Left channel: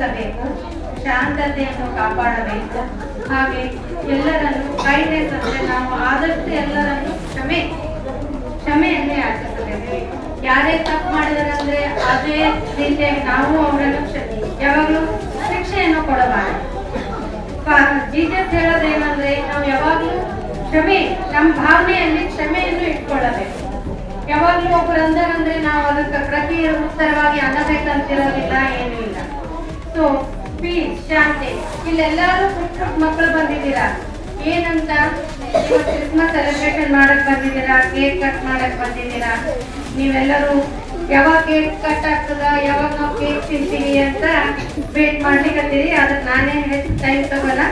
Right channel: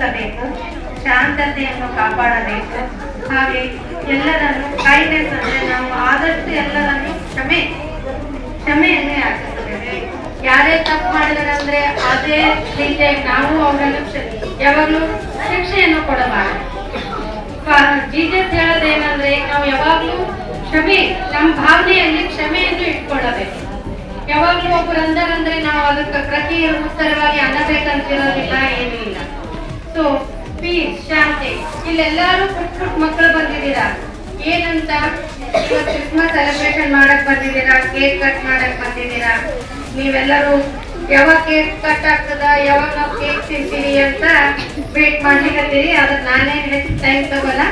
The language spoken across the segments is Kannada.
ಮಾಡಬೇಕು ಹಾಗೆ ಎಲ್ಲರನ್ನು ಕೈನೆಸ್ ಅಂದ್ರೆ ನಾವು ಆದಷ್ಟು ಎಲ್ಲರನ್ನು ಕ್ಷಮೆ, ಕ್ಷಮೆಯನ್ನೇ ಆಚರಿಸಬೇಕು ಯಾರೇ ತಪ್ಪು ಮಾಡಿದಾರೆ ಅಂದ್ರೆ ಅದೇ ರೀತಿಯಾಗಿ ನಾವು ಅವರನ್ನು ಯಾವಾಗಲೂ ಶಿಕ್ಷೆಯನ್ನು ಕೊಡಬಾರದು. ಜೀಸಸ್ ಹೇಳೋದೇನಂದ್ರೆ ನಾವು ಯಾವಾಗಲೂ ಕ್ಷಮೆ, ನಮ್ಮ ಭಾವನೆಯಲ್ಲಿ ಕ್ಷಮೆಯನ್ನು ಇಟ್ಕೊಳ್ಳಬೇಕು. ಯಾವಾಗಲೂ ಒಬ್ಬರು ಅಂದರಂದ್ರೆ ನಾವು ಅದಕ್ಕೆ ಪ್ರತಿಯ ಉತ್ತರವಾಗಿ ಅನ್ನಬೇಕಂತಿರೋದಿಲ್ಲ ಏನೂ ಇಲ್ಲ ಸೊ ಪೀಸ್ ಶಾಂತಿ, ಇಲ್ಲೆಲ್ಲರೂ ಪುಟ್ ಪುಟ್ ಮಕ್ಕಳು ಬಂದಿದ್ದೀರಾ? ಏನಂತ? ಕ್ರಿಸ್ಮಸ್ ಸೆಲೆಬ್ರೇಷನ್ ಮಾಡಕ್ ಬಂದಿದ್ದೀರಾ? ಕೇಕ್ ಕಟ್ ಮಾಡಕ್ ಬಂದಿದ್ದೀರಾ? ನೀವೆಲ್ಲರೂ ಯಾವಾಗ ಕೇಕ್ ಕಟ್ ಆಗ್ತದ? ಯಾವಾಗ ನಾವು ಕೇಕ್ ತಿಂತೀವಿ ಅಂತ ವೇಟ್ ಮಾಡ್ಲಿಕ್ಕತ್ತೀರಿ ಅದಕ್ಕೆ ನಾನೇ ಹೆಚ್ಚು ಟೈಮ್ ತಗೋಲ್ಲ.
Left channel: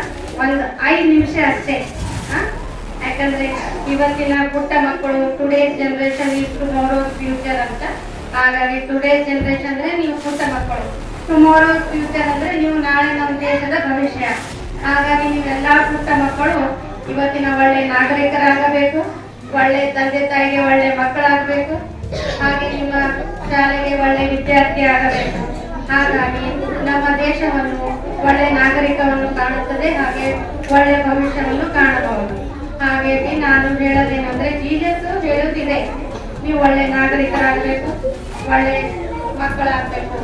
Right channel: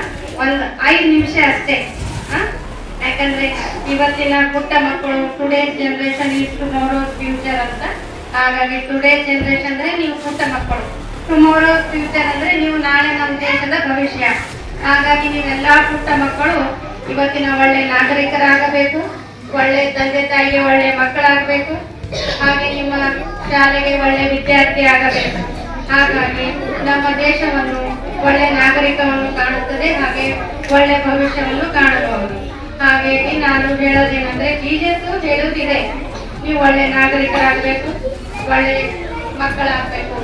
ಒಂದು ಐದು ನಿಮಿಷ ಅಷ್ಟೇ. ಯಾಕಂದ್ರೆ ಇವತ್ತಿನ ಪುಟ್ಟ ಮಕ್ಕಳು ಟುಡೇ ಜನರೇಷನ್ ಇಷ್ಟು ನೋಡೋ ಫ್ಯೂಚರ್ ಅಂತ. ಹಾಗಾಗಿ ಟುಡೇ ಜನರೇಷನ್ ಅಂದ್ರೆ ನೀವು ಪುಟ್ಟ ಮಕ್ಕಳು. ಟುಮಾರೋ ಫ್ಯೂಚರ್ ಅಂದ್ರೆ ನೀವು ನಾಳೆ ನಮ್ಮ ದೇಶದ ಭವಿಷ್ಯ. ಹಾಗಾಗಿ ನೀವೆಲ್ಲ ಪುಟ್ಟ ಮಕ್ಕಳು, ಇವತ್ತಿನ ಒಳ್ಳೆ ನಾಗರಿಕರಾಗಬೇಕು, ಒಳ್ಳೆ ತಂದೆ ತಾಯಿಗೆ ಒಳ್ಳೆ ಮಕ್ಕಳಾಗಬೇಕು, ಹಾಗೆ ನಿಮ್ಮ ಶಾಲೆಗೆ ಒಳ್ಳೆ ವಿದ್ಯಾರ್ಥಿ ಆಗಬೇಕು. ಹಾಗಾಗಿ ನಮ್ಮ ದೇಶವನ್ನು ಒಳ್ಳೆ ನಾಗರಿಕವನ್ನು ಕಾಣುತ್ತದೆ, ಹಾಗೆ ಒಳ್ಳೆ ಭವಿಷ್ಯವನ್ನು ಕಾಣಬಹುದು. ಹಾಗಾಗಿ ನಾನು ಹೇಳೋದೇನೆಂದ್ರೆ ಜೀಜಸ್ ಹೇಳುತ್ತಿದೆ, ನೀವು ಒಳ್ಳೆ ನಾಗರಿಕರಾಗಬೇಕು, ಒಳ್ಳೆ ಮಕ್ಕಳಾಗಬೇಕು.